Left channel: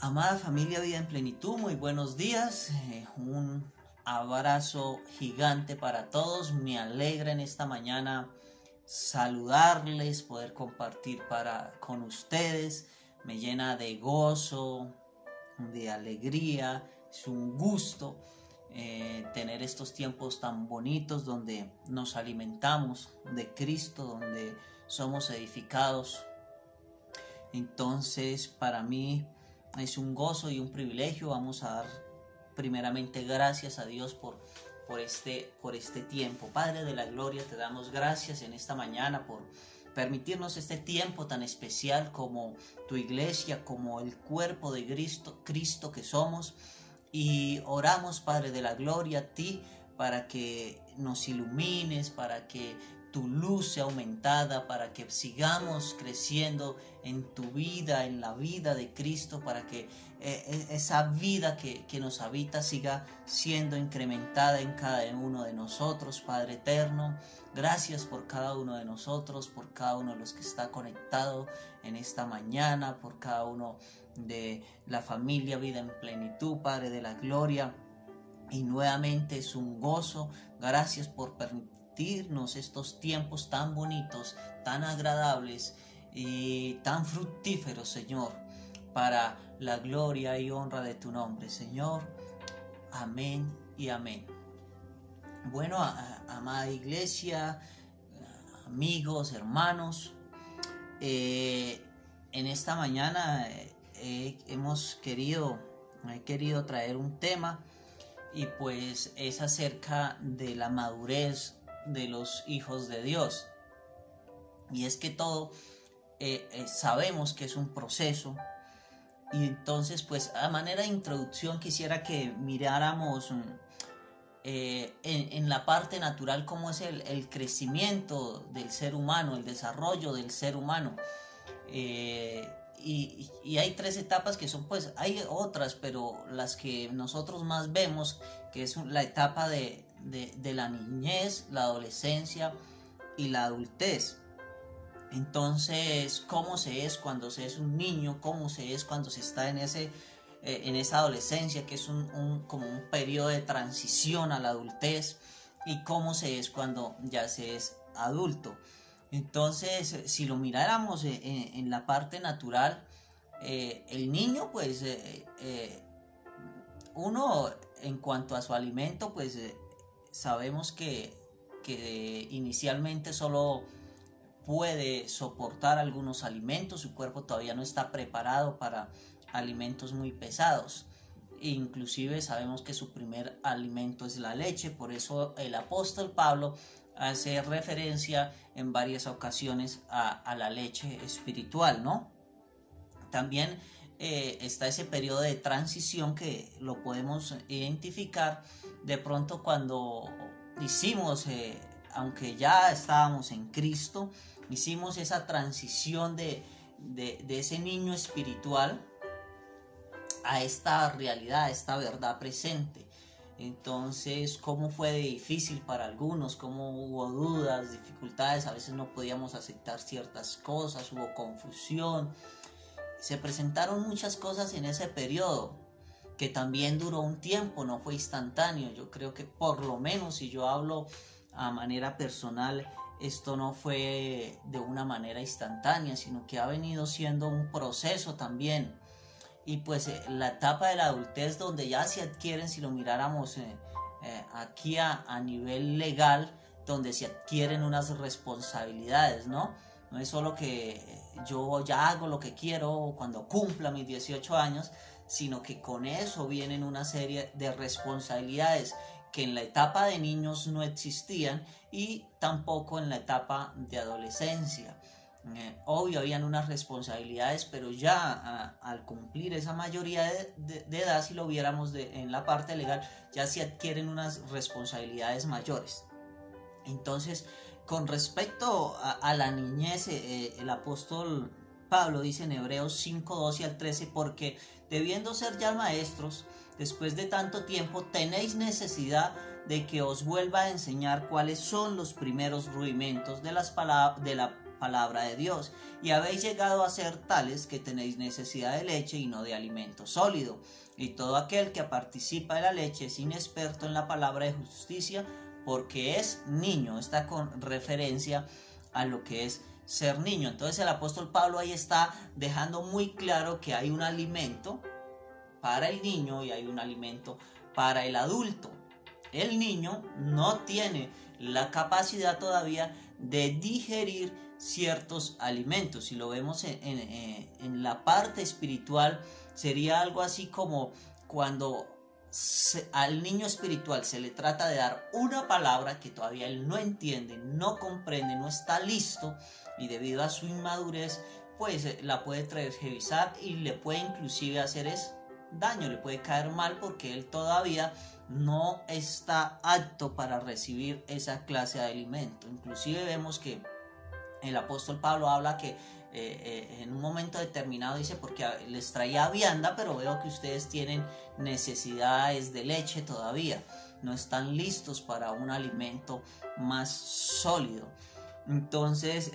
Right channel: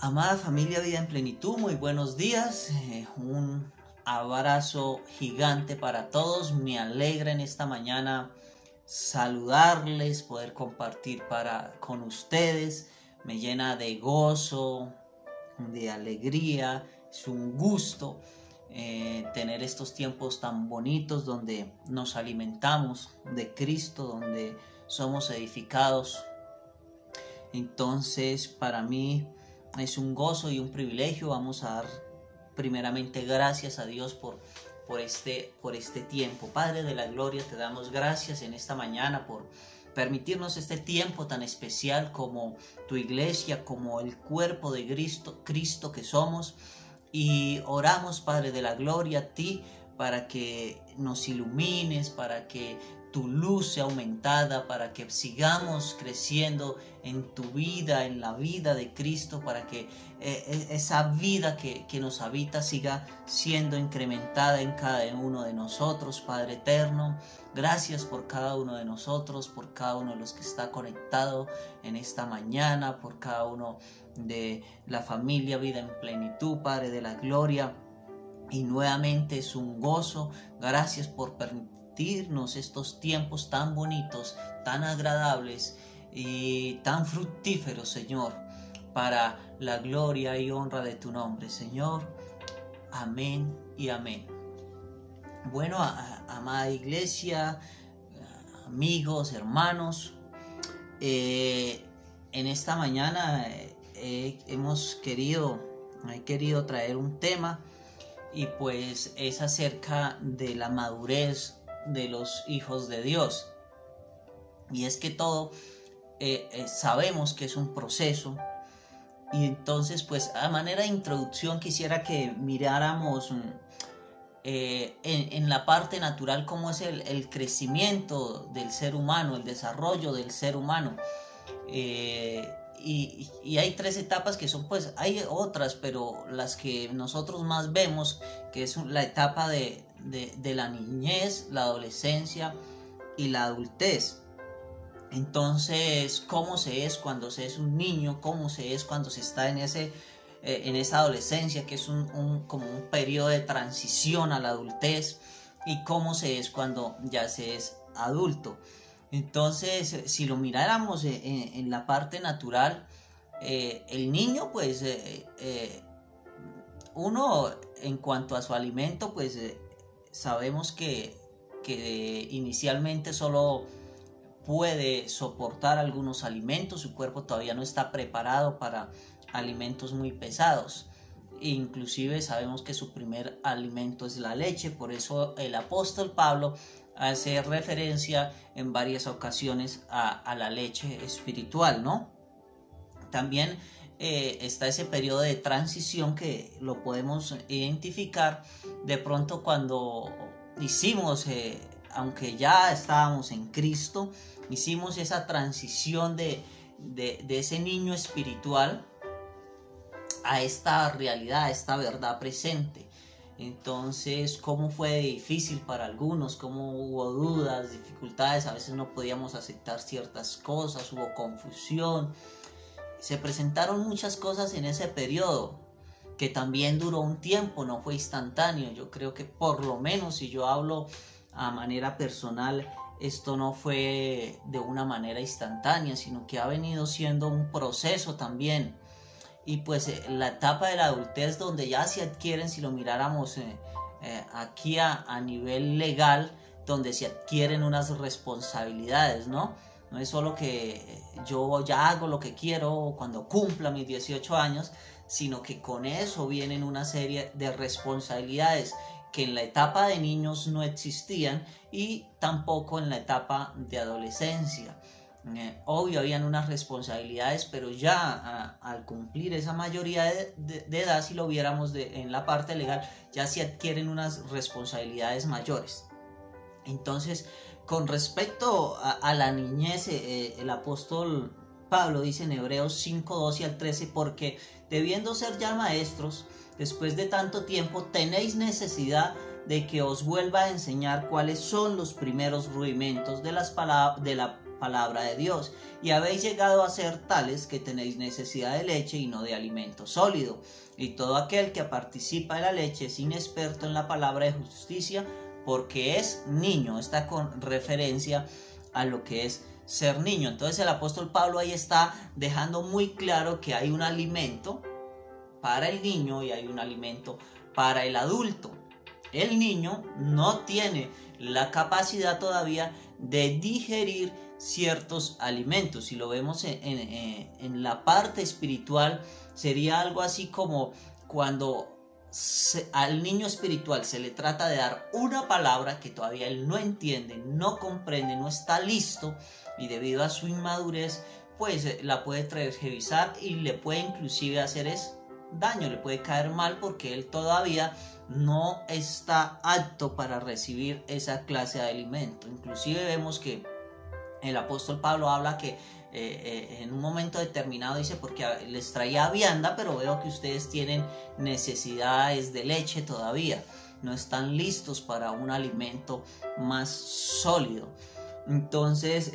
Amada familia Vida en Plenitud, muy buenos días. Un abrazo gigante para todos. Me alegra en esta mañana saludarles, poder compartir con ustedes. Me llena de gozo, de alegría. Es un gusto tener estos tiempos tan bonitos donde nos alimentamos de Cristo, donde somos edificados. Entonces, para mí es un gozo y un privilegio. Vamos a dar primeramente gracias a Dios por este tiempo. Padre de la gloria, te damos gracias en esta mañana por permitirnos este tiempo tan especial como tu iglesia, como el cuerpo de Cristo que somos. Y oramos, Padre de la gloria, a ti para que nos ilumines, para que tu luz sea aumentada, para que sigamos creciendo en tu vida, en la vida de Cristo, para que esa vida que nos habita siga siendo incrementada en cada uno de nosotros. Padre eterno, gracias por cada uno de nosotros, por cada uno de los que está conectado en esta mañana, por cada uno de la familia Vida en Plenitud, Padre de la gloria. Y nuevamente es un gozo. Gracias por permitirnos estos tiempos tan bonitos, tan agradables y tan fructíferos, Señor, para la gloria y honra de tu nombre, Señor. Amén y amén. Bueno, amada iglesia, amigos, hermanos, en esta mañana he querido traer un tema, y pues es acerca de la madurez de los hijos de Dios. Y es que todo sabemos que es un proceso, y entonces pues a manera de introducción quisiera que miráramos en la parte natural cómo es el crecimiento del ser humano, el desarrollo del ser humano. Y hay tres etapas que son, pues hay otras, pero las que nosotros más vemos, que es la etapa de la niñez, la adolescencia y la adultez. Entonces, ¿cómo se es cuando se es un niño? ¿Cómo se es cuando se está en esa adolescencia, que es como un periodo de transición a la adultez? ¿Y cómo se es cuando ya se es adulto? Entonces, si lo miráramos en la parte natural, el niño, pues, uno en cuanto a su alimento, pues sabemos que inicialmente solo puede soportar algunos alimentos. Su cuerpo todavía no está preparado para alimentos muy pesados. Inclusive sabemos que su primer alimento es la leche. Por eso el apóstol Pablo hace referencia en varias ocasiones a la leche espiritual, ¿no? También está ese periodo de transición que lo podemos identificar de pronto cuando hicimos, aunque ya estábamos en Cristo, hicimos esa transición de ese niño espiritual a esta realidad, a esta verdad presente. Entonces, ¿cómo fue difícil para algunos? ¿Cómo hubo dudas, dificultades? A veces no podíamos aceptar ciertas cosas, hubo confusión. Se presentaron muchas cosas en ese periodo, que también duró un tiempo, no fue instantáneo. Yo creo que por lo menos, si yo hablo a manera personal, esto no fue de una manera instantánea, sino que ha venido siendo un proceso también. Y pues la etapa de la adultez, donde ya se adquieren, si lo miráramos aquí a nivel legal, donde se adquieren unas responsabilidades, ¿no? No es solo que yo ya hago lo que quiero cuando cumpla mis 18 años, sino que con eso vienen una serie de responsabilidades que en la etapa de niños no existían, y tampoco en la etapa de adolescencia. Obvio, habían unas responsabilidades, pero ya al cumplir esa mayoría de edad, si lo viéramos en la parte legal, ya se adquieren unas responsabilidades mayores. Entonces, con respecto a la niñez, el apóstol Pablo dice en Hebreos 5, 12 al 13, porque debiendo ser ya maestros, después de tanto tiempo, tenéis necesidad de que os vuelva a enseñar cuáles son los primeros rudimentos de la palabra de Dios, y habéis llegado a ser tales que tenéis necesidad de leche y no de alimento sólido. Y todo aquel que participa de la leche es inexperto en la palabra de justicia, porque es niño. Está con referencia a lo que es ser niño. Entonces el apóstol Pablo ahí está dejando muy claro que hay un alimento para el niño y hay un alimento para el adulto. El niño no tiene la capacidad todavía de digerir ciertos alimentos. Si lo vemos en la parte espiritual, sería algo así como cuando al niño espiritual se le trata de dar una palabra que todavía él no entiende, no comprende, no está listo, y debido a su inmadurez pues la puede tergiversar y le puede inclusive hacer daño, le puede caer mal, porque él todavía no está apto para recibir esa clase de alimento. Inclusive vemos que el apóstol Pablo habla que en un momento determinado dice, porque les traía vianda, pero veo que ustedes tienen necesidades de leche todavía, no están listos para un alimento más sólido. Entonces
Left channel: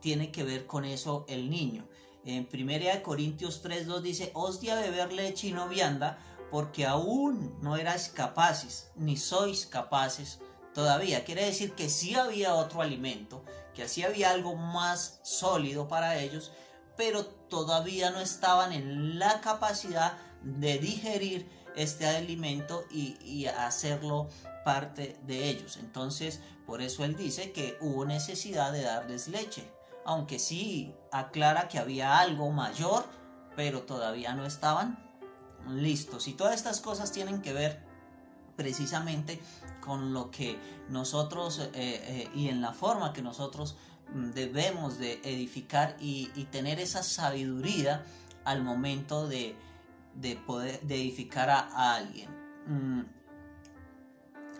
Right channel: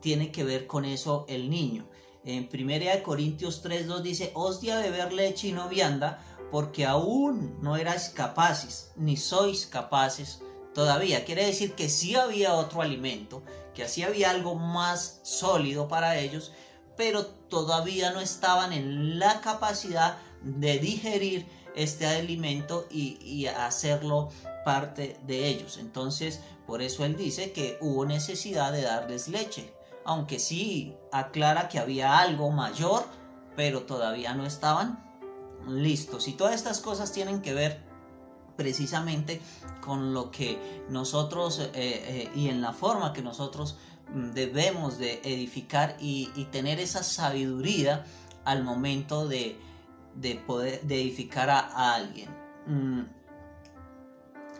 tiene que ver con eso el niño. En 1 Corintios 3:2 dice, os di a beber leche y no vianda, porque aún no erais capaces, ni sois capaces todavía. Quiere decir que sí había otro alimento, que así había algo más sólido para ellos, pero todavía no estaban en la capacidad de digerir este alimento y hacerlo parte de ellos. Entonces, por eso él dice que hubo necesidad de darles leche, aunque sí aclara que había algo mayor, pero todavía no estaban listos. Y todas estas cosas tienen que ver precisamente con lo que nosotros y en la forma que nosotros debemos de edificar y tener esa sabiduría al momento de poder de edificar a alguien.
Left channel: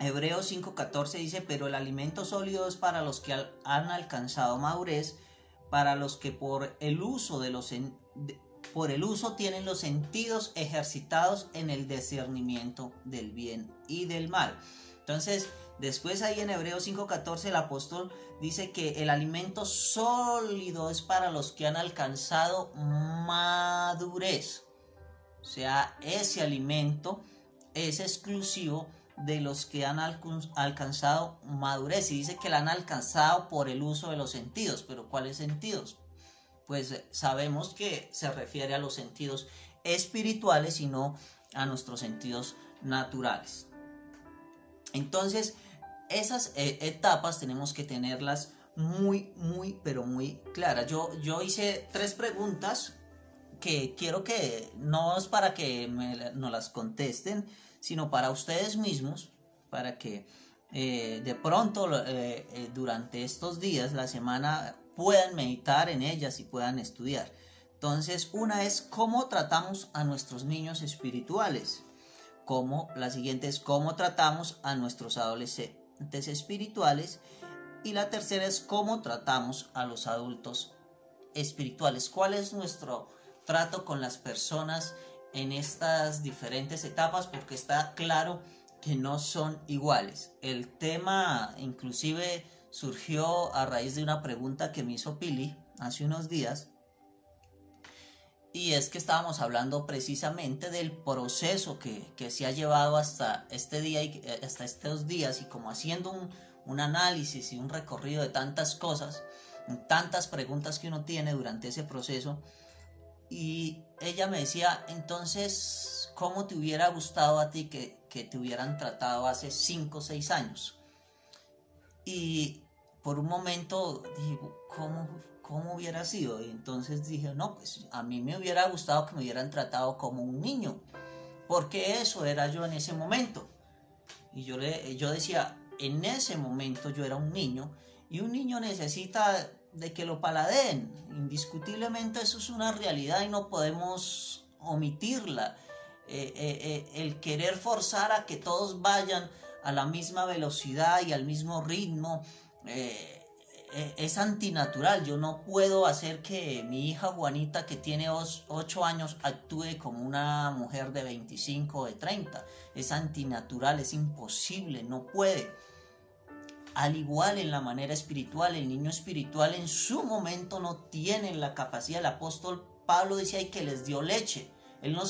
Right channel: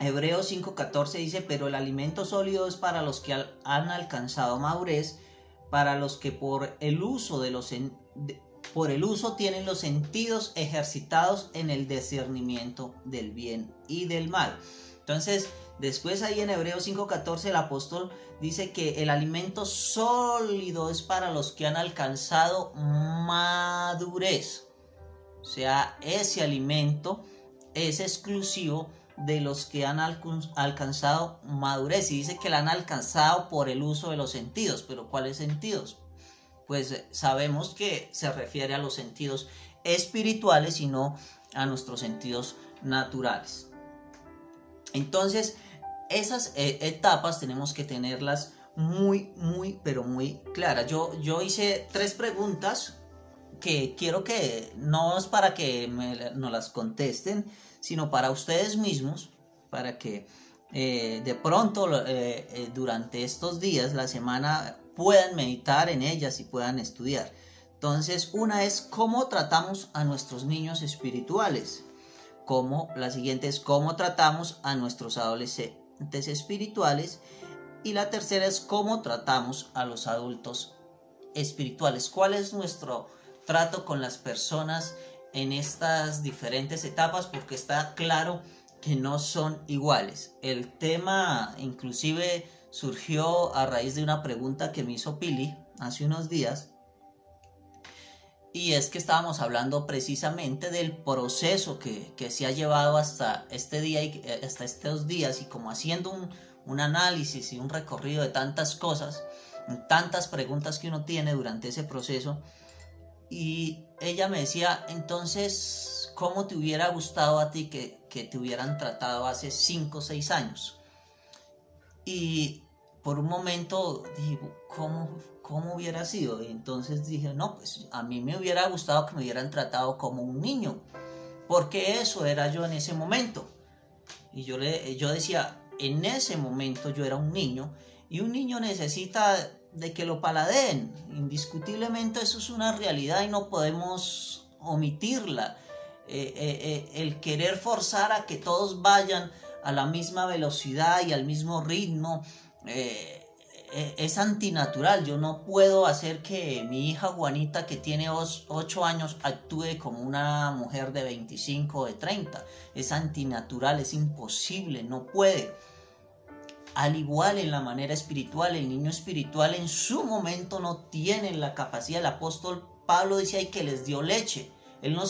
Hebreos 5:14 dice, pero el alimento sólido es para los que han alcanzado madurez, para los que por el uso tienen los sentidos ejercitados en el discernimiento del bien y del mal. Entonces, después ahí en Hebreos 5:14 el apóstol dice que el alimento sólido es para los que han alcanzado madurez. O sea, ese alimento es exclusivo de los que han alcanzado madurez, y dice que la han alcanzado por el uso de los sentidos. ¿Pero cuáles sentidos? Pues sabemos que se refiere a los sentidos espirituales y no a nuestros sentidos naturales. Entonces, esas etapas tenemos que tenerlas muy, pero muy claras. Yo hice 3 preguntas que quiero que no es para que nos las contesten, sino para ustedes mismos, para que de pronto durante estos días, la semana, puedan meditar en ellas y puedan estudiar. Entonces, una es cómo tratamos a nuestros niños espirituales. La siguiente es cómo tratamos a nuestros adolescentes espirituales. Y la tercera es cómo tratamos a los adultos espirituales. ¿Cuál es nuestro trato con las personas en estas diferentes etapas? Porque está claro que no son iguales. El tema inclusive surgió a raíz de una pregunta que me hizo Pili hace unos días, y es que estábamos hablando precisamente del proceso que se ha llevado hasta este día y hasta estos días, y como haciendo un análisis y un recorrido de tantas cosas, tantas preguntas que uno tiene durante ese proceso. Y ella me decía, entonces, ¿cómo te hubiera gustado a ti que te hubieran tratado hace 5 o 6 años? Y por un momento dije, ¿cómo hubiera sido? Y entonces dije, no, pues a mí me hubiera gustado que me hubieran tratado como un niño, porque eso era yo en ese momento. Y yo decía, en ese momento yo era un niño, y un niño necesita de que lo paladeen. Indiscutiblemente eso es una realidad y no podemos omitirla. El querer forzar a que todos vayan a la misma velocidad y al mismo ritmo es antinatural. Yo no puedo hacer que mi hija Juanita, que tiene 8 años, actúe como una mujer de 25 o de 30. Es antinatural, es imposible, no puede. Al igual en la manera espiritual, el niño espiritual en su momento no tiene la capacidad. El apóstol Pablo dice ahí que les dio leche. Él no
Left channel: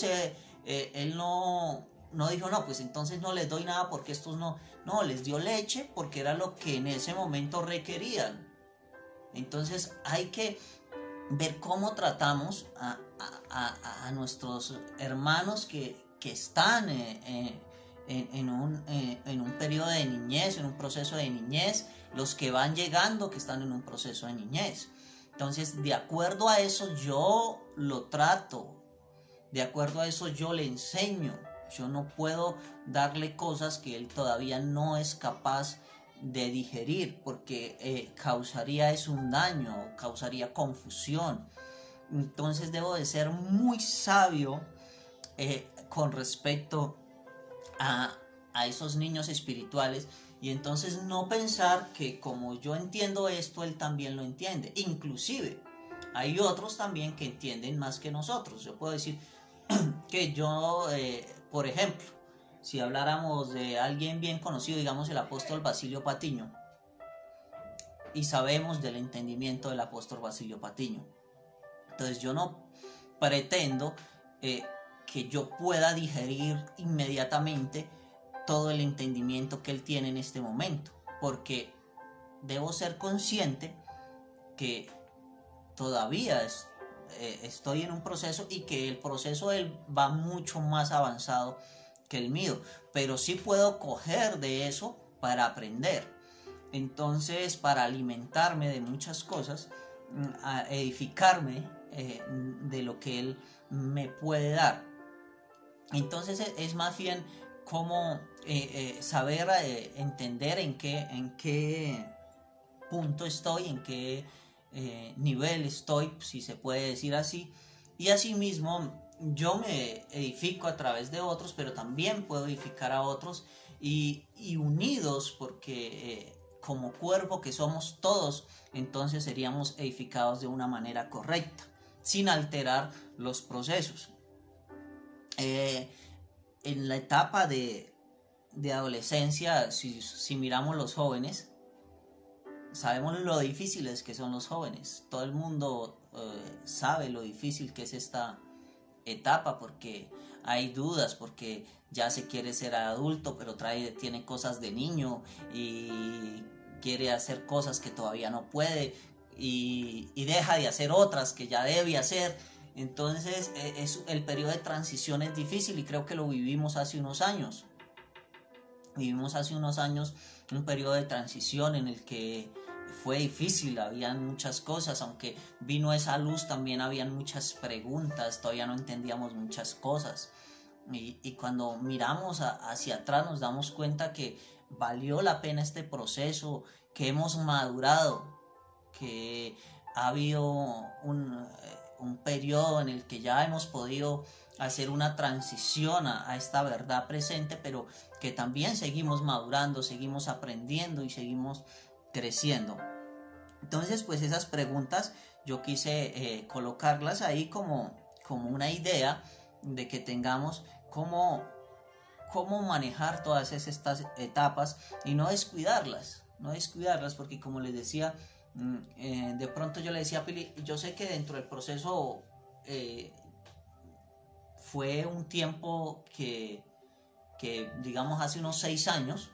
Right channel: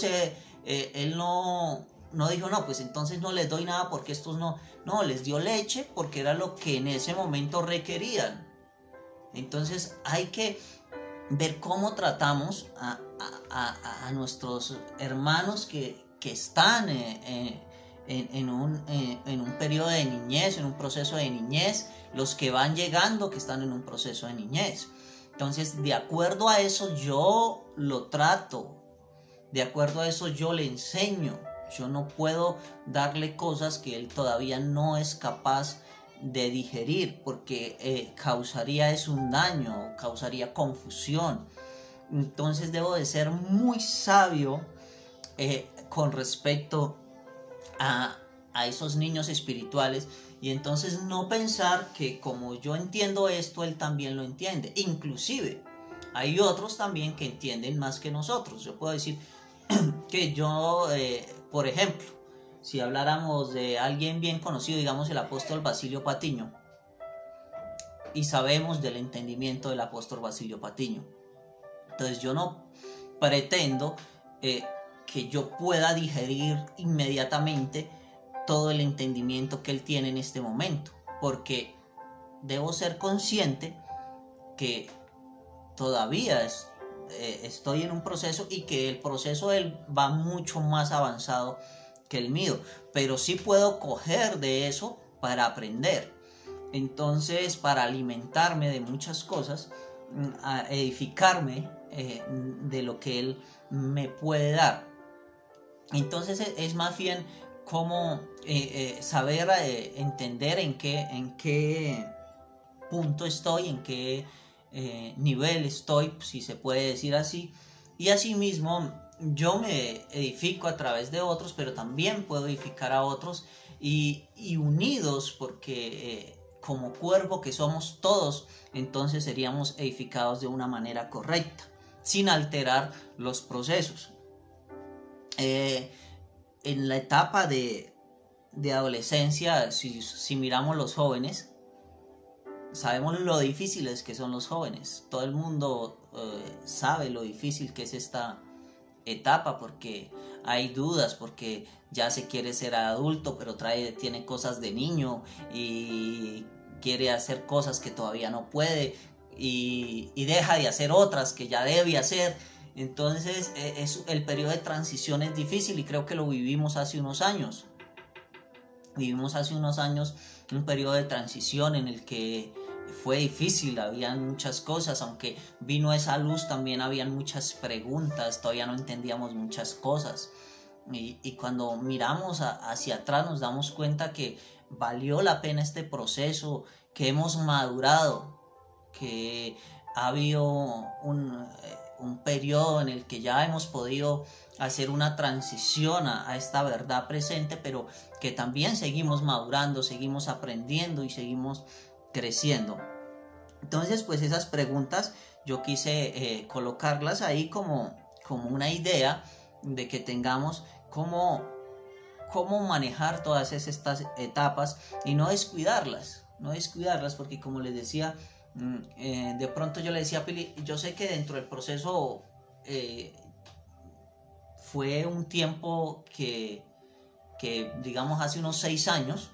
dijo, no, pues entonces no les doy nada porque estos no. No, les dio leche porque era lo que en ese momento requerían. Entonces hay que ver cómo tratamos a nuestros hermanos que están en un periodo de niñez, en un proceso de niñez, los que van llegando que están en un proceso de niñez. Entonces, de acuerdo a eso yo lo trato, de acuerdo a eso yo le enseño. Yo no puedo darle cosas que él todavía no es capaz de digerir, porque causaría es un daño, causaría confusión. Entonces debo de ser muy sabio con respecto a esos niños espirituales, y entonces no pensar que como yo entiendo esto, él también lo entiende. Inclusive hay otros también que entienden más que nosotros. Yo puedo decir que yo, por ejemplo, si habláramos de alguien bien conocido, digamos el apóstol Basilio Patiño, y sabemos del entendimiento del apóstol Basilio Patiño, entonces yo no pretendo que yo pueda digerir inmediatamente todo el entendimiento que él tiene en este momento, porque debo ser consciente que todavía estoy en un proceso, y que el proceso de él va mucho más avanzado que el mío, pero sí puedo coger de eso para aprender. Entonces, para alimentarme de muchas cosas, a edificarme de lo que él me puede dar. Entonces es más bien como saber entender en qué punto estoy, en qué nivel estoy, si se puede decir así, y asimismo yo me edifico a través de otros, pero también puedo edificar a otros, y unidos, porque como cuerpo que somos todos, entonces seríamos edificados de una manera correcta, sin alterar los procesos. En la etapa de adolescencia, si miramos los jóvenes, sabemos lo difíciles que son los jóvenes. Todo el mundo sabe lo difícil que es esta etapa, porque hay dudas, porque ya se quiere ser adulto, pero tiene cosas de niño y quiere hacer cosas que todavía no puede, y deja de hacer otras que ya debe hacer. Entonces el periodo de transición es difícil, y creo que lo vivimos hace unos años. Vivimos hace unos años un periodo de transición en el que fue difícil, habían muchas cosas, aunque vino esa luz también habían muchas preguntas, todavía no entendíamos muchas cosas, y cuando miramos hacia atrás nos damos cuenta que valió la pena este proceso, que hemos madurado, que ha habido un periodo en el que ya hemos podido hacer una transición a esta verdad presente, pero que también seguimos madurando, seguimos aprendiendo y seguimos creciendo. Entonces, pues esas preguntas yo quise colocarlas ahí como una idea de que tengamos cómo manejar todas estas etapas y no descuidarlas, porque como les decía, de pronto yo le decía a Pili, yo sé que dentro del proceso fue un tiempo que digamos hace unos 6 años,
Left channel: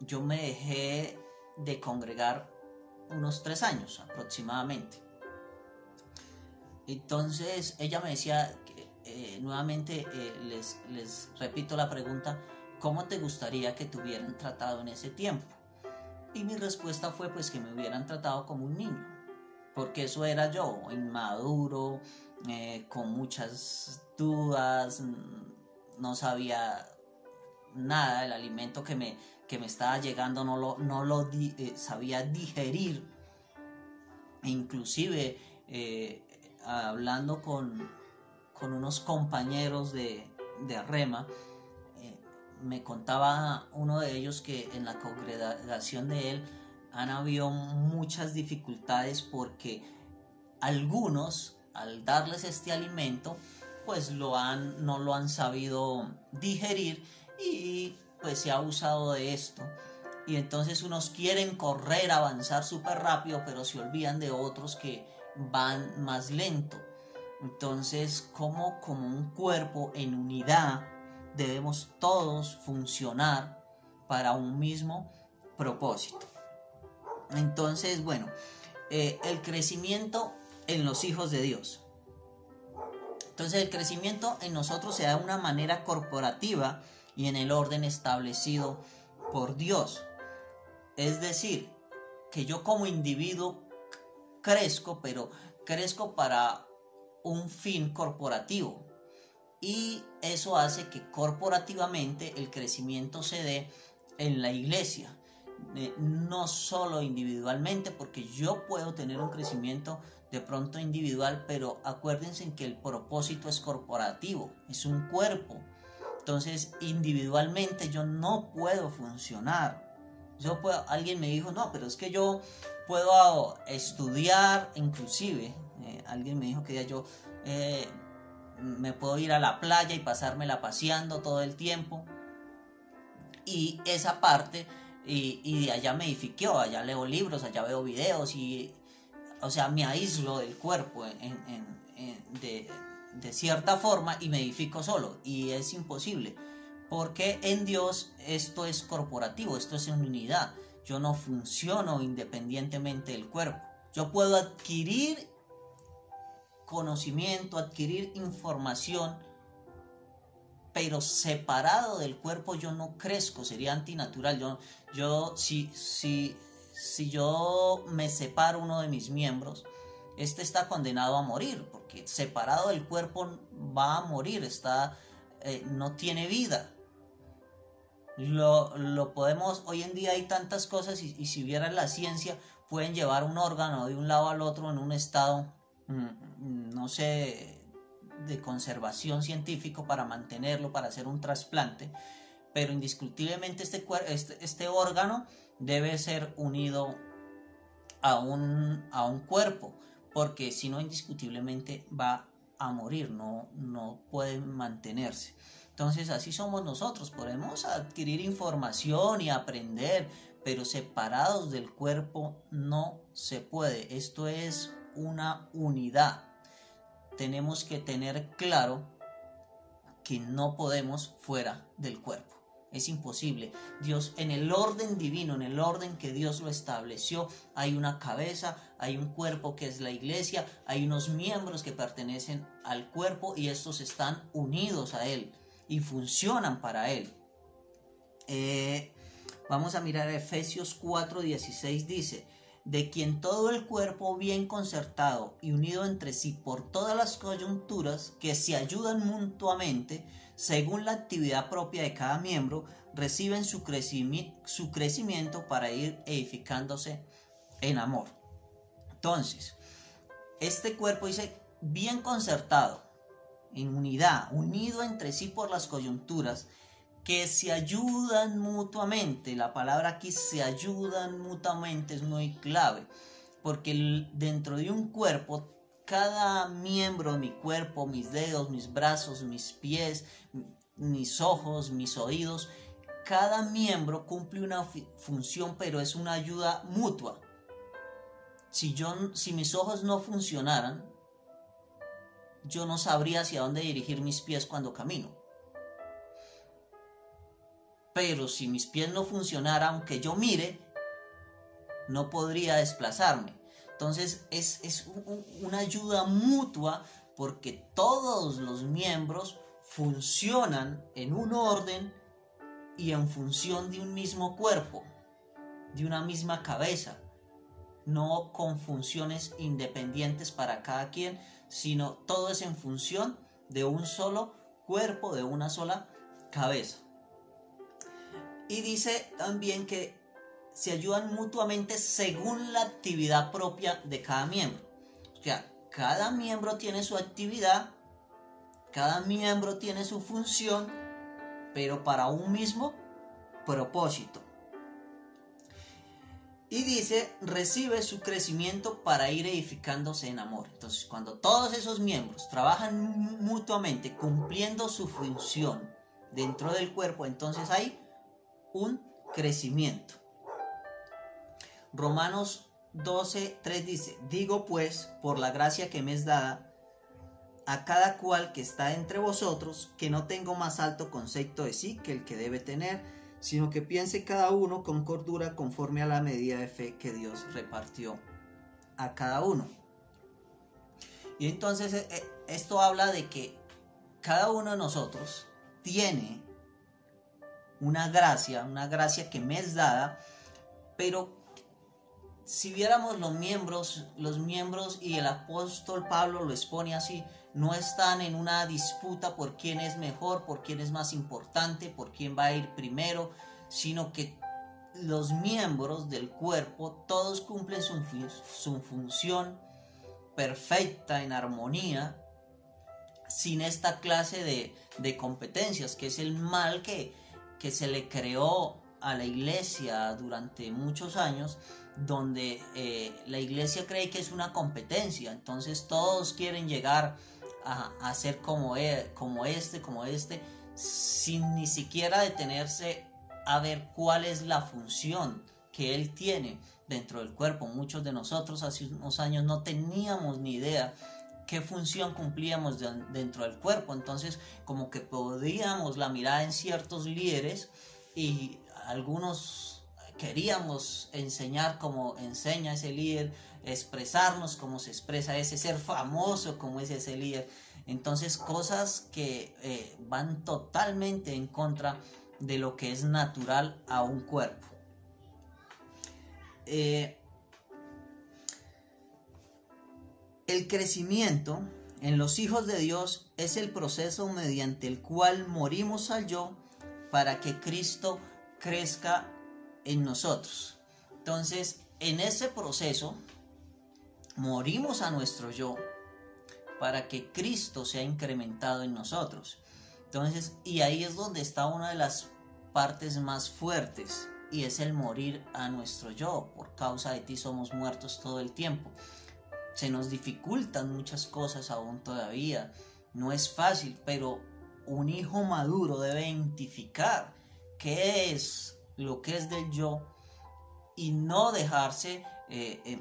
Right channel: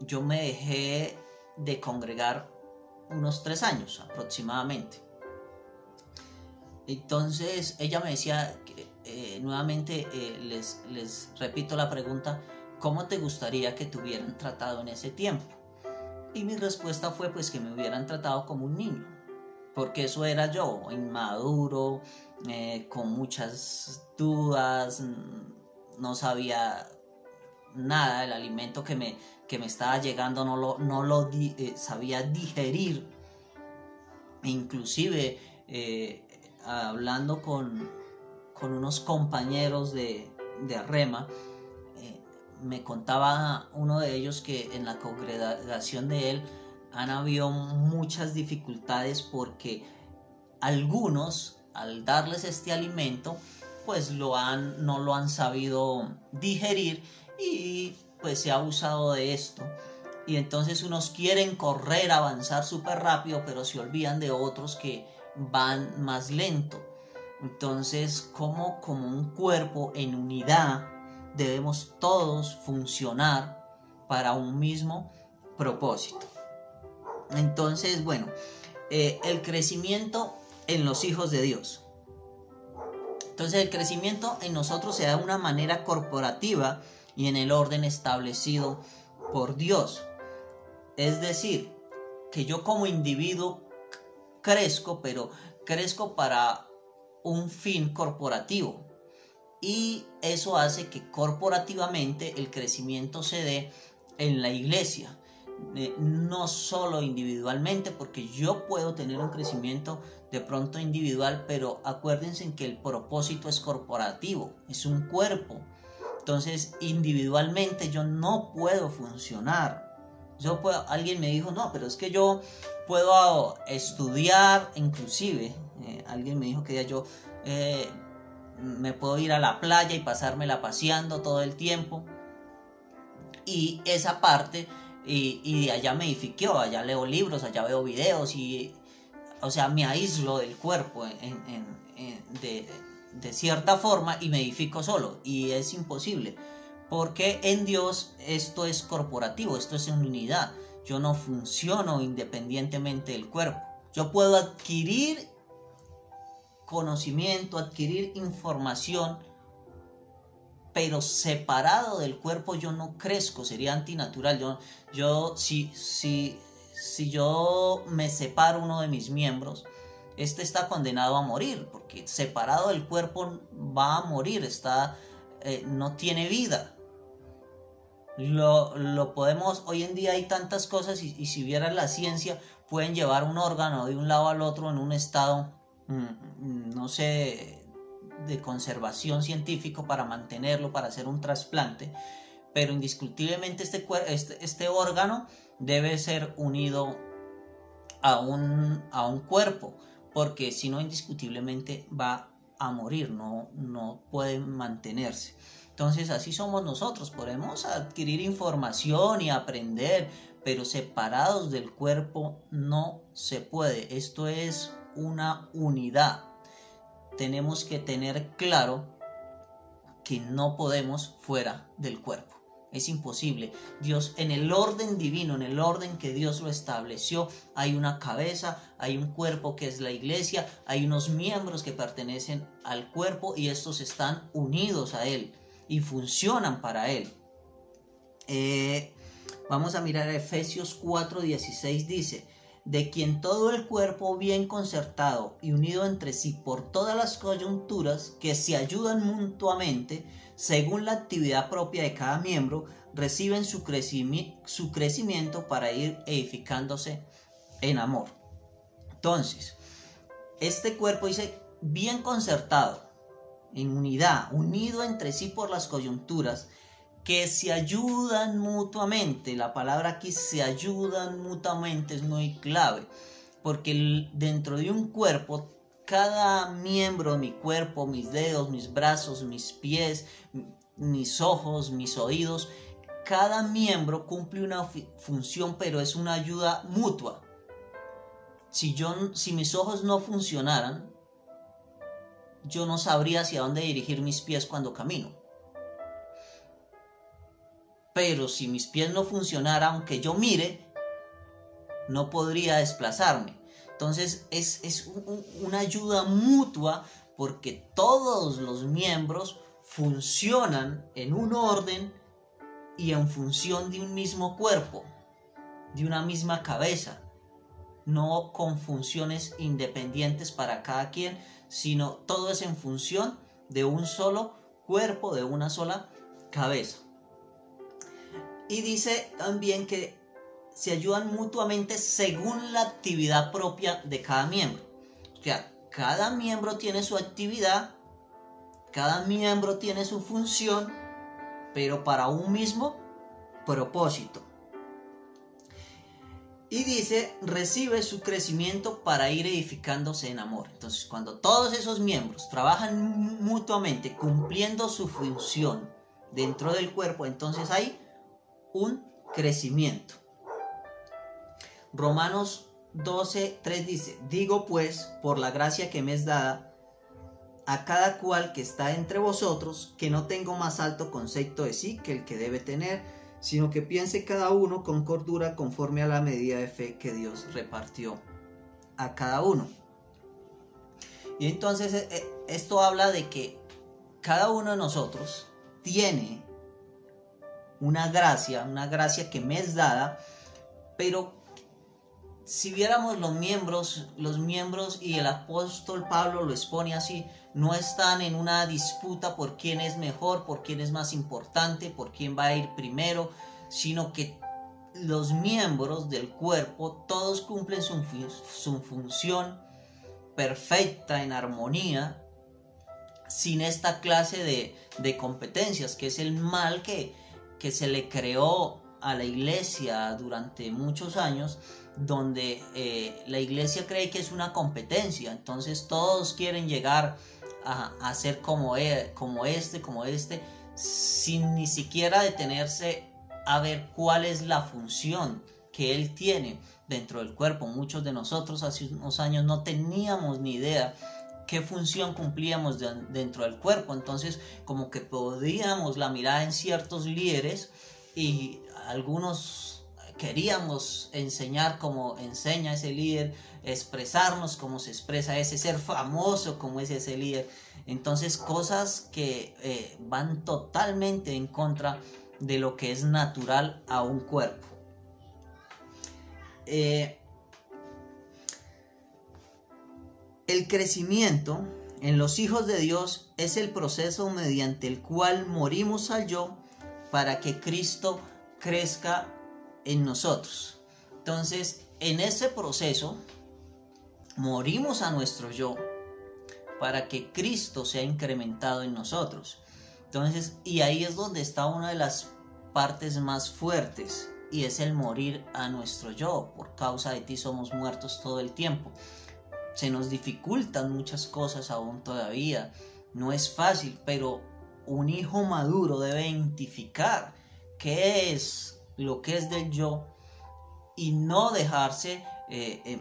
yo me dejé de congregar unos 3 años aproximadamente. Entonces ella me decía nuevamente, les repito la pregunta, ¿cómo te gustaría que te hubieran tratado en ese tiempo? Y mi respuesta fue pues que me hubieran tratado como un niño, porque eso era yo, inmaduro, con muchas dudas, no sabía nada del alimento que me estaba llegando, no lo sabía digerir. E inclusive hablando con unos compañeros de Rema, me contaba uno de ellos que en la congregación de él han habido muchas dificultades, porque algunos, al darles este alimento, pues no lo han sabido digerir, y pues se ha abusado de esto. y entonces unos quieren correr, avanzar súper rápido, pero se olvidan de otros que van más lento. Entonces, como un cuerpo en unidad, debemos todos funcionar para un mismo propósito. Entonces, bueno, el crecimiento en los hijos de Dios. Entonces, el crecimiento en nosotros se da de una manera corporativa y en el orden establecido por Dios. Es decir, que yo como individuo crezco, pero crezco para un fin corporativo. Y eso hace que corporativamente el crecimiento se dé en la iglesia. No solo individualmente, porque yo puedo tener un crecimiento de pronto individual, pero acuérdense que el propósito es corporativo, es un cuerpo. Entonces, individualmente yo no puedo funcionar. Alguien me dijo, no, pero es que yo puedo estudiar, inclusive, alguien me dijo que yo me puedo ir a la playa y pasármela paseando todo el tiempo. Y esa parte, y allá me edifiquó, allá leo libros, allá veo videos, o sea, me aíslo del cuerpo de cierta forma y me edifico solo, y es imposible, porque en Dios esto es corporativo, esto es en unidad. Yo no funciono independientemente del cuerpo. Yo puedo adquirir conocimiento, adquirir información, pero separado del cuerpo yo no crezco, sería antinatural. Si yo me separo uno de mis miembros, este está condenado a morir, porque separado del cuerpo va a morir, no tiene vida. Lo podemos, hoy en día hay tantas cosas, y si vieran la ciencia, pueden llevar un órgano de un lado al otro en un estado, no sé, de conservación científico para mantenerlo, para hacer un trasplante, pero indiscutiblemente este órgano debe ser unido a un cuerpo, porque si no, indiscutiblemente va a morir, no puede mantenerse. Entonces así somos nosotros, podemos adquirir información y aprender, pero separados del cuerpo no se puede. Esto es una unidad. Tenemos que tener claro que no podemos fuera del cuerpo. Es imposible. Dios, en el orden divino, en el orden que Dios lo estableció, hay una cabeza, hay un cuerpo que es la iglesia, hay unos miembros que pertenecen al cuerpo y estos están unidos a Él y funcionan para Él. Vamos a mirar Efesios 4:16, dice: de quien todo el cuerpo bien concertado y unido entre sí por todas las coyunturas que se ayudan mutuamente, según la actividad propia de cada miembro, reciben su crecimiento para ir edificándose en amor. Entonces, este cuerpo dice bien concertado, en unidad, unido entre sí por las coyunturas, que se ayudan mutuamente. La palabra aquí, se ayudan mutuamente, es muy clave, porque dentro de un cuerpo, cada miembro de mi cuerpo, mis dedos, mis brazos, mis pies, mis ojos, mis oídos, cada miembro cumple una función, pero es una ayuda mutua. Si mis ojos no funcionaran, yo no sabría hacia dónde dirigir mis pies cuando camino. Pero si mis pies no funcionaran, aunque yo mire, no podría desplazarme. Entonces es una ayuda mutua, porque todos los miembros funcionan en un orden y en función de un mismo cuerpo, de una misma cabeza, no con funciones independientes para cada quien, sino todo es en función de un solo cuerpo, de una sola cabeza. Y dice también que se ayudan mutuamente según la actividad propia de cada miembro. O sea, cada miembro tiene su actividad, cada miembro tiene su función, pero para un mismo propósito. Y dice, recibe su crecimiento para ir edificándose en amor. Entonces, cuando todos esos miembros trabajan mutuamente, cumpliendo su función dentro del cuerpo, entonces hay un crecimiento. Romanos 12:3 dice: digo pues, por la gracia que me es dada, a cada cual que está entre vosotros, que no tengo más alto concepto de sí que el que debe tener, sino que piense cada uno con cordura conforme a la medida de fe que Dios repartió a cada uno. Y entonces esto habla de que cada uno de nosotros tiene una gracia que me es dada, pero si viéramos los miembros y el apóstol Pablo lo expone así, no están en una disputa por quién es mejor, por quién es más importante, por quién va a ir primero, sino que los miembros del cuerpo todos cumplen su función perfecta, en armonía, sin esta clase de competencias, que es el mal que se le creó a la iglesia durante muchos años, donde la iglesia cree que es una competencia. Entonces todos quieren llegar a ser como este, sin ni siquiera detenerse a ver cuál es la función que él tiene dentro del cuerpo. Muchos de nosotros hace unos años no teníamos ni idea qué función cumplíamos dentro del cuerpo. Entonces como que podíamos la mirada en ciertos líderes y algunos queríamos enseñar como enseña ese líder, expresarnos como se expresa ese, ser famoso como es ese líder. Entonces cosas que van totalmente en contra de lo que es natural a un cuerpo. El crecimiento en los hijos de Dios es el proceso mediante el cual morimos al yo para que Cristo crezca en nosotros. Entonces, en ese proceso morimos a nuestro yo para que Cristo sea incrementado en nosotros. Entonces, y ahí es donde está una de las partes más fuertes, y es el morir a nuestro yo. Por causa de ti somos muertos todo el tiempo. Se nos dificultan muchas cosas aún todavía. No es fácil, pero un hijo maduro debe identificar qué es lo que es del yo y no dejarse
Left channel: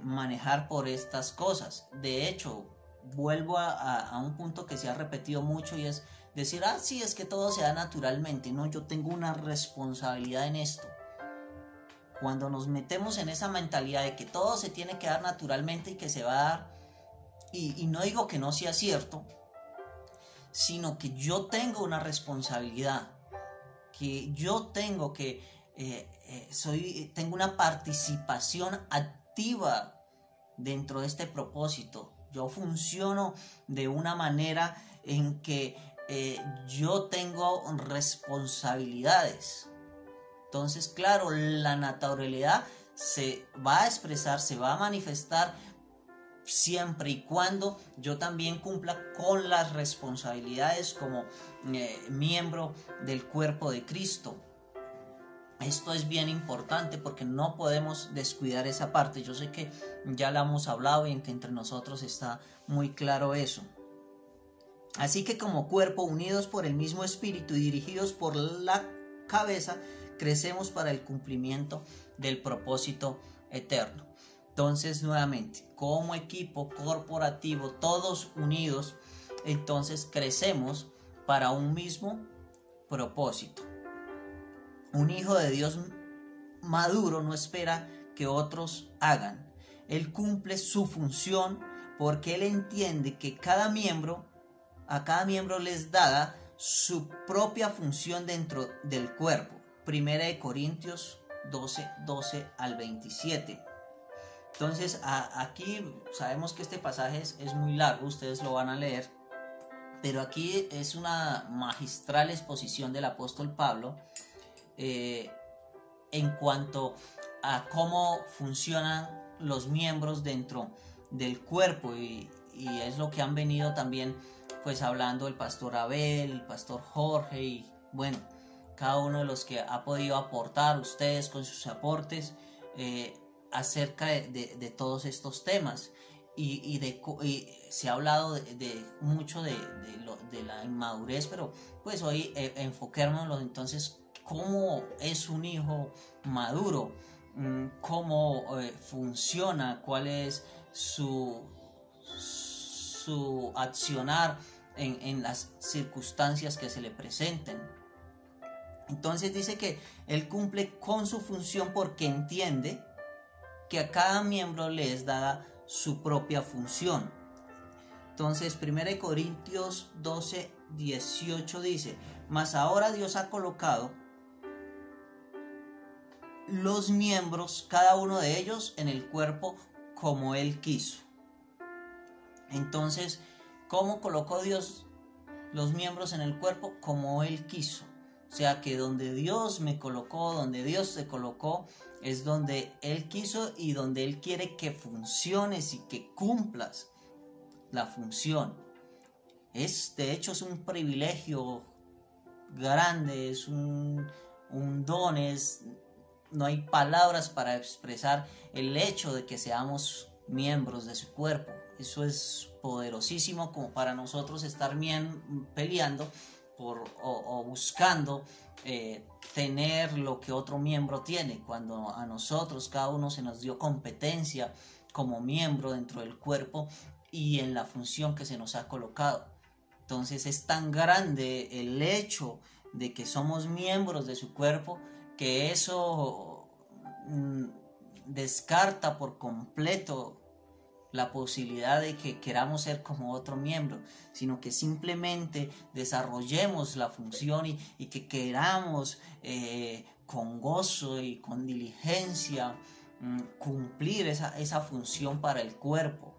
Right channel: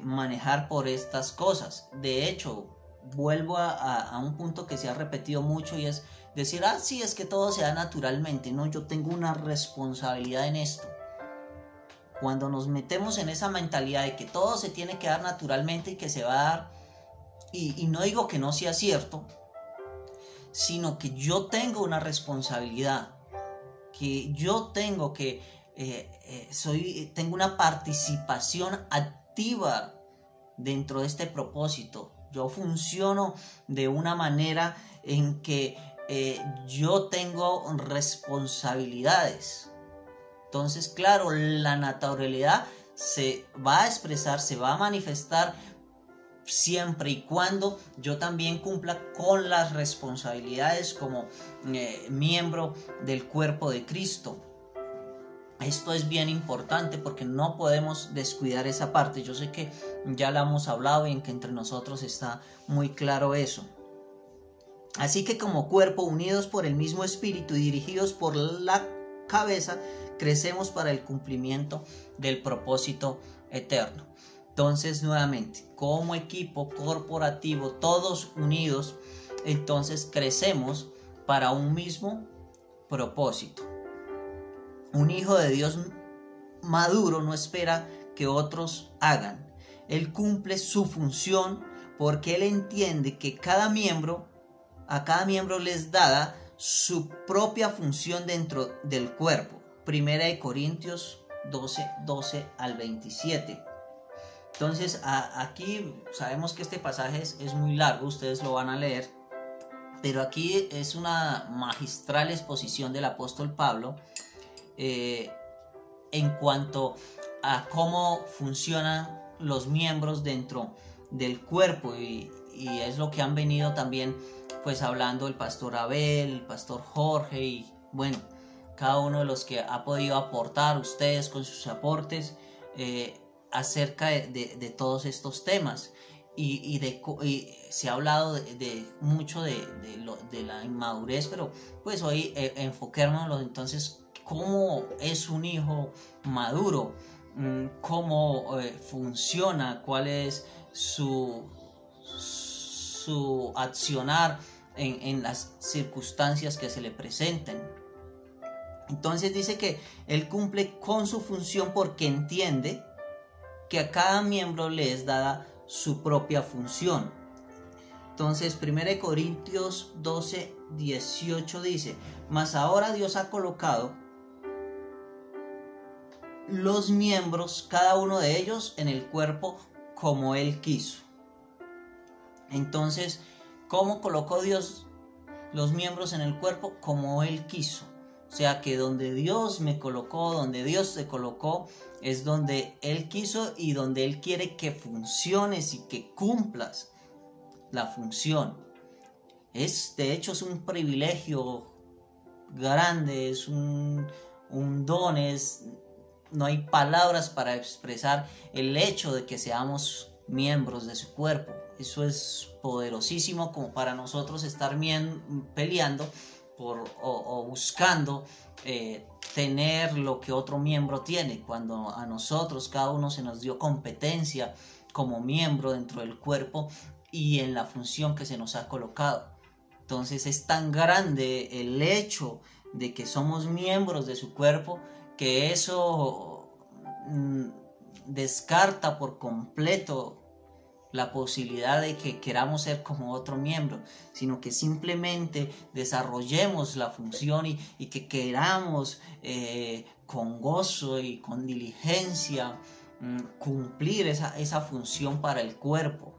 manejar por estas cosas. De hecho, vuelvo a un punto que se ha repetido mucho, y es decir: sí, es que todo se da naturalmente. No, yo tengo una responsabilidad en esto. Cuando nos metemos en esa mentalidad de que todo se tiene que dar naturalmente y que se va a dar, y no digo que no sea cierto, sino que yo tengo una responsabilidad, que yo tengo que tengo una participación activa dentro de este propósito. Yo funciono de una manera en que yo tengo responsabilidades. Entonces, claro, la naturalidad se va a expresar, se va a manifestar siempre y cuando yo también cumpla con las responsabilidades como miembro del cuerpo de Cristo. Esto es bien importante porque no podemos descuidar esa parte. Yo sé que ya la hemos hablado y en que entre nosotros está muy claro eso. Así que como cuerpo, unidos por el mismo espíritu y dirigidos por la cabeza, crecemos para el cumplimiento del propósito eterno. Entonces, nuevamente, como equipo corporativo, todos unidos, entonces crecemos para un mismo propósito. Un hijo de Dios maduro no espera que otros hagan. Él cumple su función porque él entiende que a cada miembro les dada su propia función dentro del cuerpo. 1 Corintios 12 al 27. Entonces aquí sabemos que este pasaje es muy largo, ustedes lo van a leer, pero aquí es una magistral exposición del apóstol Pablo en cuanto a cómo funcionan los miembros dentro del cuerpo, y es lo que han venido también pues hablando el pastor Abel, el pastor Jorge, y bueno, cada uno de los que ha podido aportar, ustedes con sus aportes acerca de todos estos temas, y se ha hablado mucho de la inmadurez, pero pues hoy enfoquémonos entonces cómo es un hijo maduro. cómo funciona, cuál es su accionar en las circunstancias que se le presenten. Entonces dice que él cumple con su función porque entiende que a cada miembro le es dada su propia función. Entonces 1 Corintios 12, 18 dice: mas ahora Dios ha colocado los miembros, cada uno de ellos, en el cuerpo como Él quiso. Entonces, ¿cómo colocó Dios los miembros en el cuerpo? Como Él quiso. O sea que donde Dios me colocó, donde Dios te colocó, es donde Él quiso y donde Él quiere que funciones y que cumplas la función. De hecho, es un privilegio grande, es un don, no hay palabras para expresar el hecho de que seamos miembros de su cuerpo. Eso es poderosísimo como para nosotros estar peleando o buscando tener lo que otro miembro tiene, cuando a nosotros cada uno se nos dio competencia como miembro dentro del cuerpo y en la función que se nos ha colocado. Entonces es tan grande el hecho de que somos miembros de su cuerpo que eso descarta por completo la posibilidad de que queramos ser como otro miembro, sino que simplemente desarrollemos la función y que queramos con gozo y con diligencia cumplir esa función para el cuerpo.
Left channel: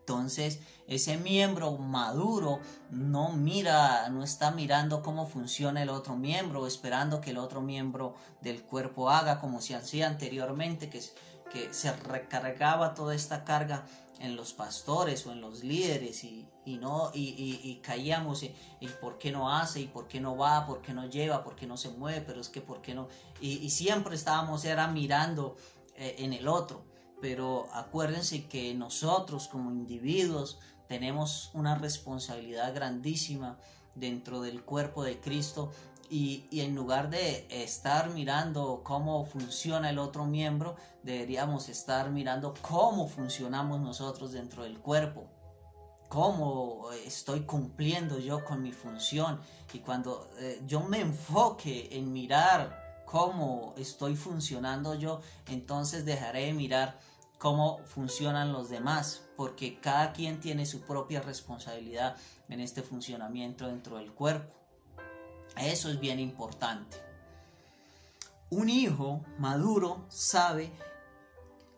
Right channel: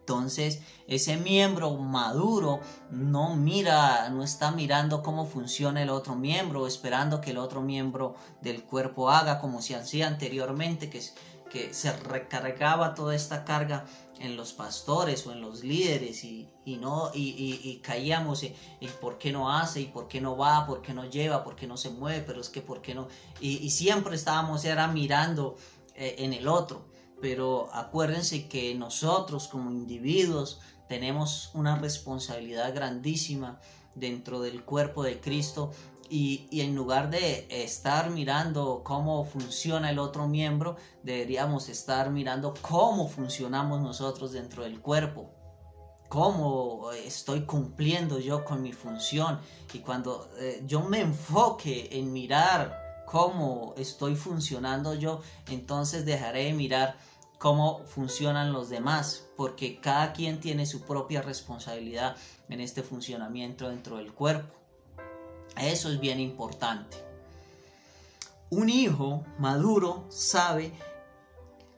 Entonces, ese miembro maduro no está mirando cómo funciona el otro miembro, esperando que el otro miembro del cuerpo haga como se hacía anteriormente, que se recargaba toda esta carga en los pastores o en los líderes y caíamos y por qué no hace, y por qué no va, por qué no lleva, por qué no se mueve, pero es que por qué no, y siempre estábamos mirando en el otro. Pero acuérdense que nosotros como individuos tenemos una responsabilidad grandísima dentro del cuerpo de Cristo y en lugar de estar mirando cómo funciona el otro miembro, deberíamos estar mirando cómo funcionamos nosotros dentro del cuerpo, cómo estoy cumpliendo yo con mi función. Y cuando yo me enfoque en mirar cómo estoy funcionando yo, entonces dejaré de mirar cómo funcionan los demás, porque cada quien tiene su propia responsabilidad en este funcionamiento dentro del cuerpo. Eso es bien importante. Un hijo maduro sabe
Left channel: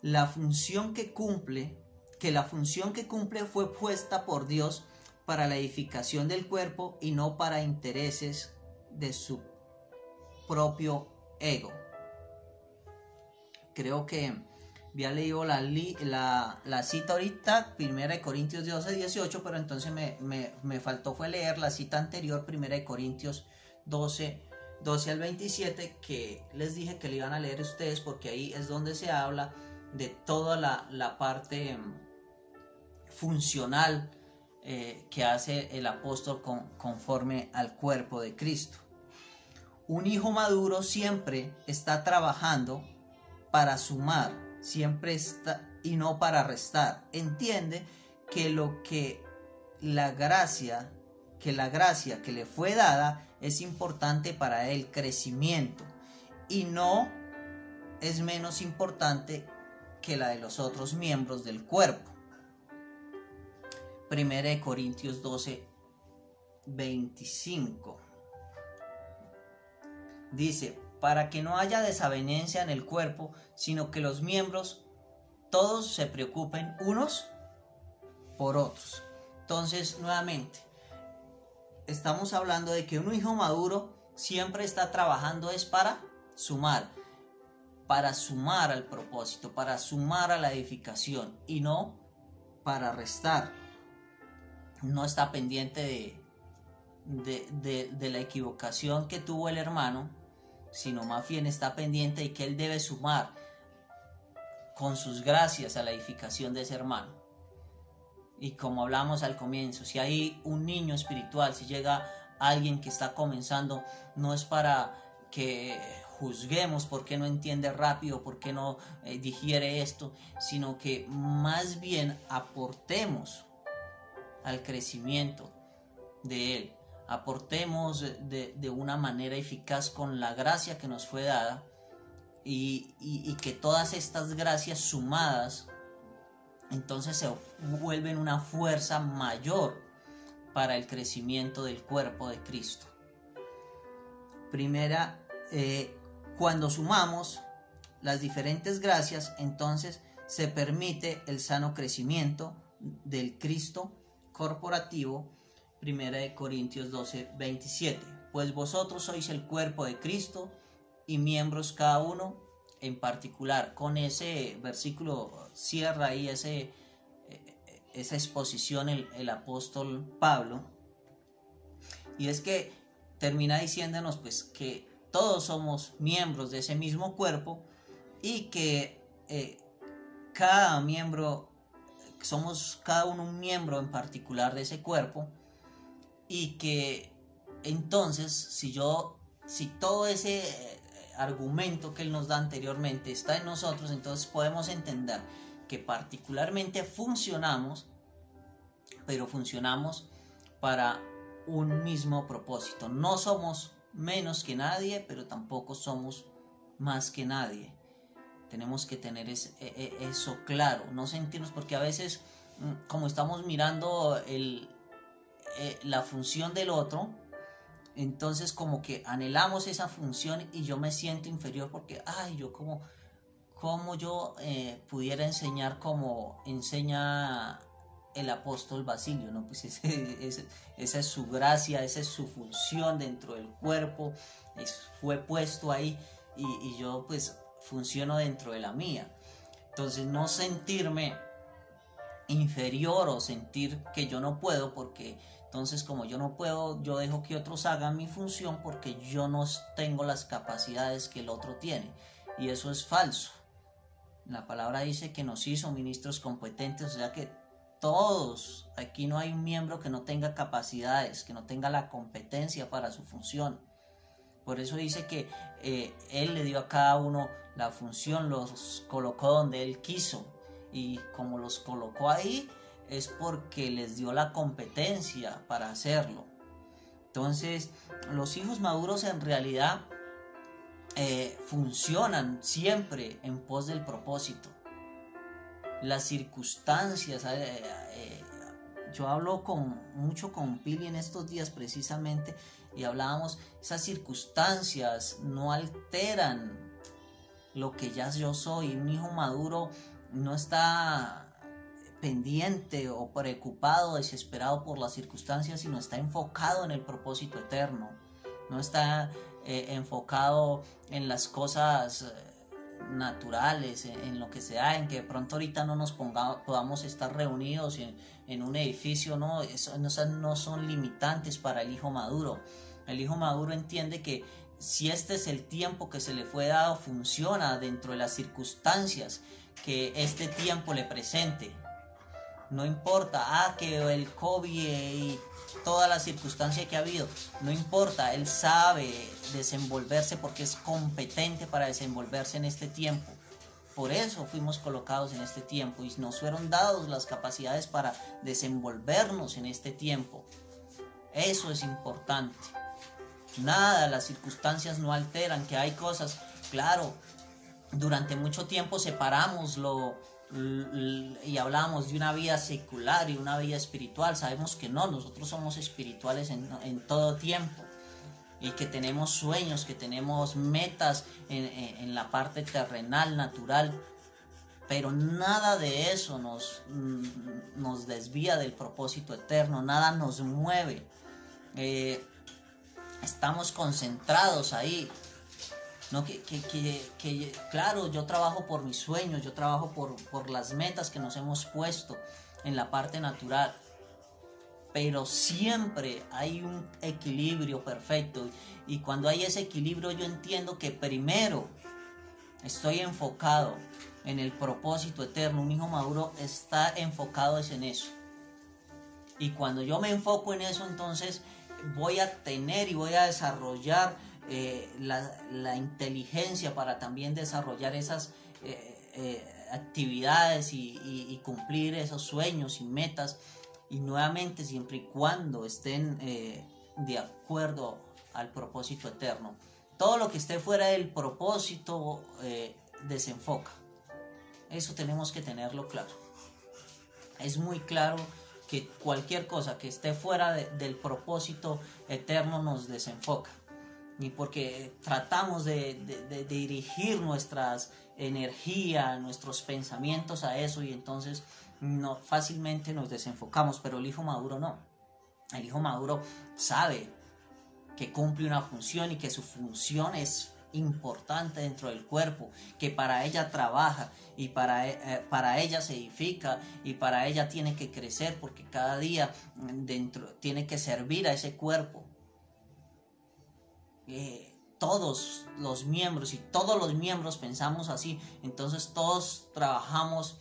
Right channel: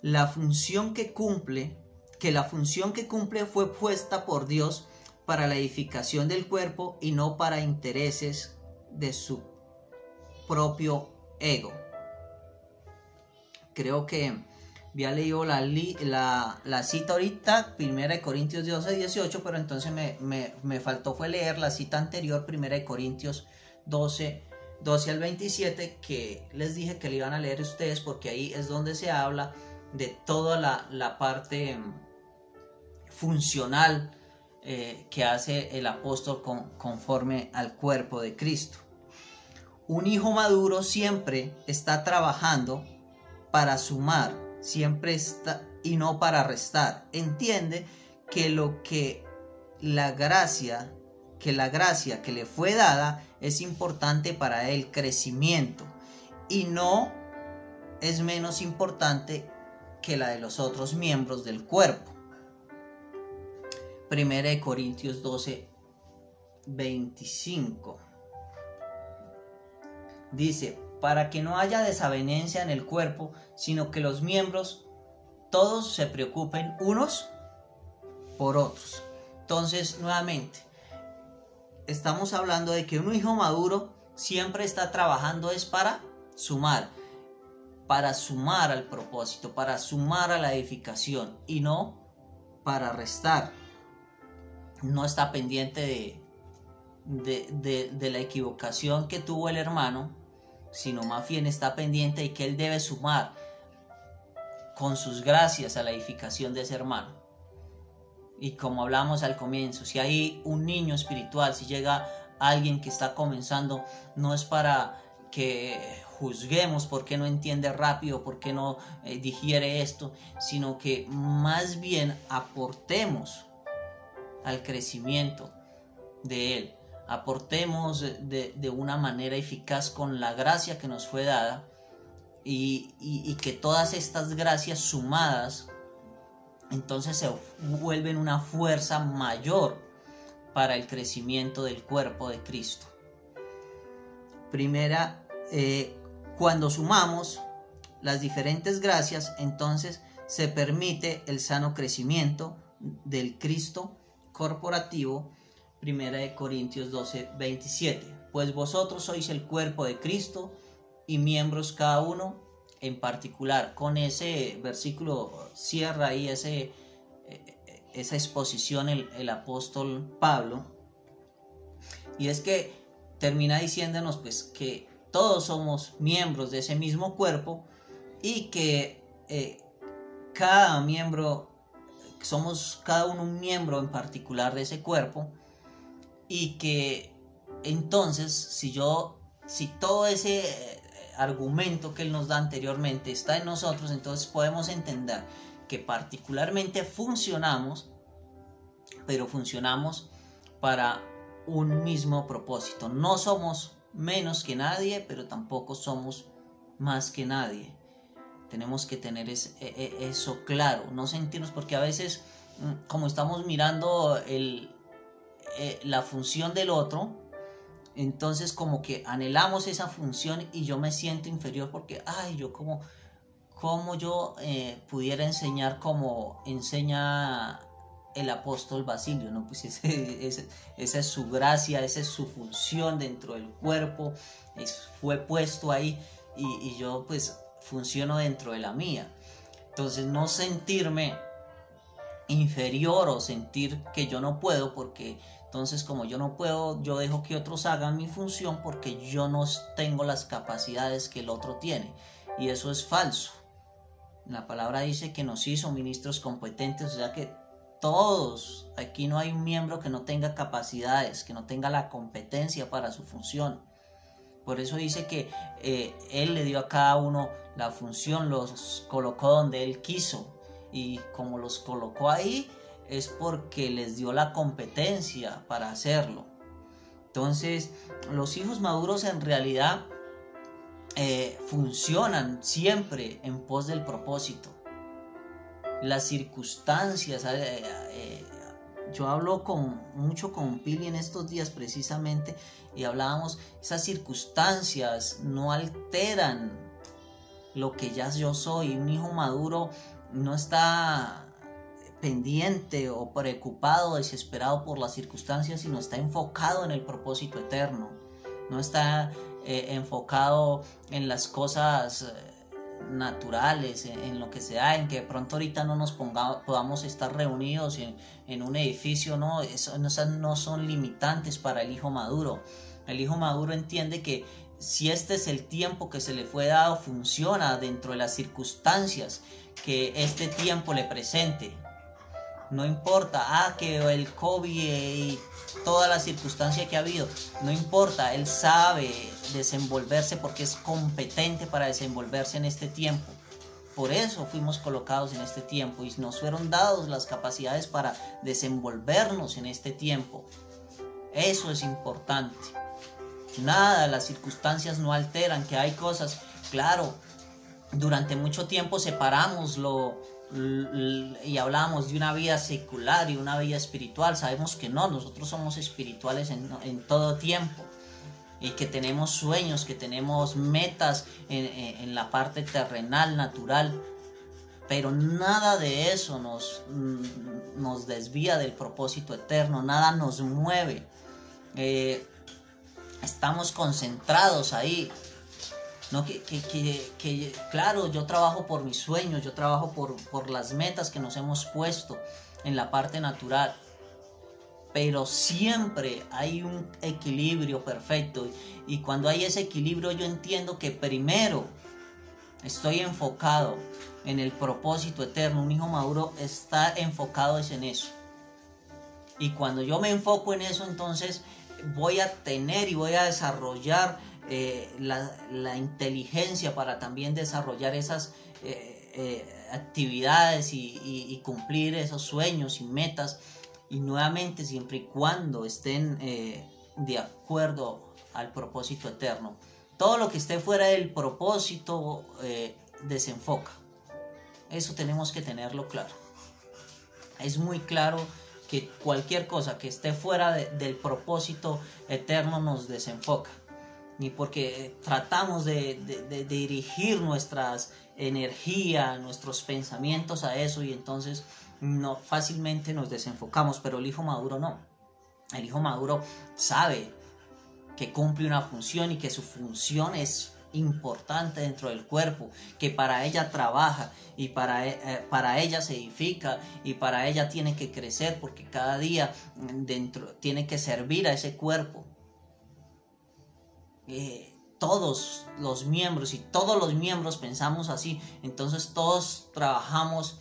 la función que cumple, que la función que cumple fue puesta por Dios para la edificación del cuerpo y no para intereses de su propio ego. Creo que había leído la cita ahorita, 1 Corintios 12, 18, pero entonces me faltó fue leer la cita anterior, 1 Corintios 12 al 27, que les dije que le iban a leer ustedes, porque ahí es donde se habla de toda la parte funcional que hace el apóstol conforme al cuerpo de Cristo. Un hijo maduro siempre está trabajando para sumar, siempre está, y no para restar. Entiende que la gracia que le fue dada es importante para el crecimiento y no es menos importante que la de los otros miembros del cuerpo. 1 Corintios 12, 25 dice: para que no haya desavenencia en el cuerpo, sino que los miembros todos se preocupen unos por otros. Entonces, nuevamente, estamos hablando de que un hijo maduro siempre está trabajando es para sumar al propósito, para sumar a la edificación y no para restar. No está pendiente de la equivocación que tuvo el hermano, sino más bien está pendiente de que él debe sumar con sus gracias a la edificación de ese hermano. Y como hablamos al comienzo, si hay un niño espiritual, si llega alguien que está comenzando, no es para que juzguemos por qué no entiende rápido, por qué no digiere esto, sino que más bien aportemos al crecimiento de él, aportemos de una manera eficaz con la gracia que nos fue dada, y que todas estas gracias sumadas entonces se vuelven una fuerza mayor para el crecimiento del cuerpo de Cristo. Primera, cuando sumamos las diferentes gracias, entonces se permite el sano crecimiento del Cristo corporativo. Primera de Corintios 12:27. Pues vosotros sois el cuerpo de Cristo y miembros cada uno en particular. Con ese versículo cierra ahí esa exposición el apóstol Pablo, y es que termina diciéndonos pues que todos somos miembros de ese mismo cuerpo, y que cada miembro, somos cada uno un miembro en particular de ese cuerpo, y que entonces si todo ese argumento que él nos da anteriormente está en nosotros, entonces podemos entender que particularmente funcionamos, pero funcionamos para un mismo propósito. No somos menos que nadie, pero tampoco somos más que nadie. Tenemos que tener eso claro, no sentirnos, porque a veces como estamos mirando la función del otro, entonces como que anhelamos esa función y yo me siento inferior porque, yo como yo pudiera enseñar como enseña el apóstol Basilio, ¿no? Pues esa es su gracia, esa es su función dentro del cuerpo, fue puesto ahí, y yo pues funciono dentro de la mía. Entonces no sentirme inferior o sentir que yo no puedo, porque entonces como yo no puedo, yo dejo que otros hagan mi función porque yo no tengo las capacidades que el otro tiene, y eso es falso. La palabra dice que nos hizo ministros competentes, o sea que todos, aquí no hay un miembro que no tenga capacidades, que no tenga la competencia para su función. Por eso dice que Él le dio a cada uno la función, los colocó donde Él quiso, y como los colocó ahí es porque les dio la competencia para hacerlo. Entonces los hijos maduros en realidad funcionan siempre en pos del propósito. Las circunstancias, yo hablo mucho con Pili en estos días precisamente, y hablábamos, esas circunstancias no alteran lo que ya yo soy. Un hijo maduro no está pendiente o preocupado, desesperado por las circunstancias, sino está enfocado en el propósito eterno. No está enfocado en las cosas naturales, en lo que sea, en que de pronto ahorita no nos podamos estar reunidos en un edificio, ¿no? Esas no son limitantes para el hijo maduro. El hijo maduro entiende que si este es el tiempo que se le fue dado, funciona dentro de las circunstancias que este tiempo le presente. No importa que el COVID y toda la circunstancia que ha habido, no importa, él sabe desenvolverse porque es competente para desenvolverse en este tiempo. Por eso fuimos colocados en este tiempo y nos fueron dados las capacidades para desenvolvernos en este tiempo. Eso es importante. Nada, las circunstancias no alteran, que hay cosas, claro, durante mucho tiempo separamos y hablamos de una vida secular y una vida espiritual. Sabemos que no, nosotros somos espirituales en todo tiempo, y que tenemos sueños, que tenemos metas en la parte terrenal, natural, pero nada de eso nos desvía del propósito eterno, nada nos mueve. Estamos concentrados ahí. No, claro, yo trabajo por mis sueños, yo trabajo por las metas que nos hemos puesto en la parte natural, pero siempre hay un equilibrio perfecto, y cuando hay ese equilibrio yo entiendo que primero estoy enfocado en el propósito eterno. Un hijo maduro está enfocado en eso, y cuando yo me enfoco en eso, entonces voy a tener y voy a desarrollar la inteligencia para también desarrollar esas actividades y cumplir esos sueños y metas, y nuevamente siempre y cuando estén de acuerdo al propósito eterno. Todo lo que esté fuera del propósito desenfoca. Eso tenemos que tenerlo claro. Es muy claro que cualquier cosa que esté fuera del propósito eterno nos desenfoca. Ni porque tratamos de dirigir nuestras energías, nuestros pensamientos a eso, y entonces no, fácilmente nos desenfocamos. Pero el hijo maduro no. El hijo maduro sabe que cumple una función y que su función es importante dentro del cuerpo, que para ella trabaja y para ella se edifica y para ella tiene que crecer, porque cada día dentro tiene que servir a ese cuerpo. Todos los miembros, y todos los miembros pensamos así, entonces todos trabajamos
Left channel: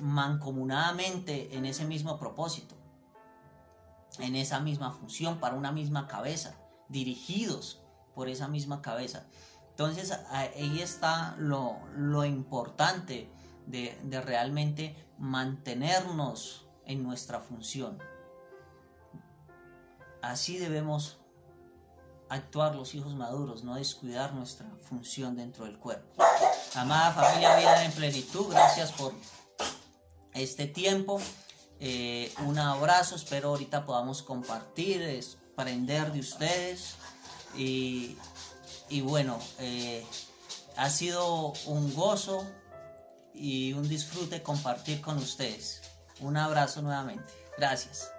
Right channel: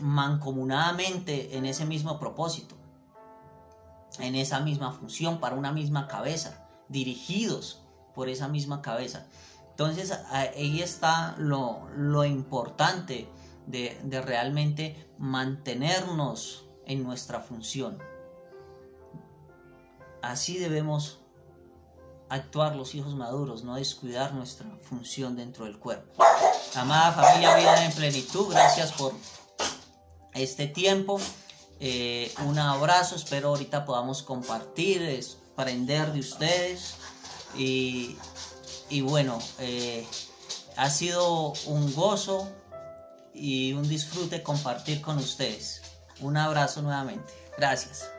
mancomunadamente en ese mismo propósito, en esa misma función, para una misma cabeza, dirigidos por esa misma cabeza. Entonces ahí está lo importante de realmente mantenernos en nuestra función. Así debemos actuar los hijos maduros, no descuidar nuestra función dentro del cuerpo. Amada familia Vida en Plenitud, gracias por este tiempo. Un abrazo, espero ahorita podamos compartir, aprender de ustedes, y bueno, ha sido un gozo y un disfrute compartir con ustedes. Un abrazo nuevamente. Gracias.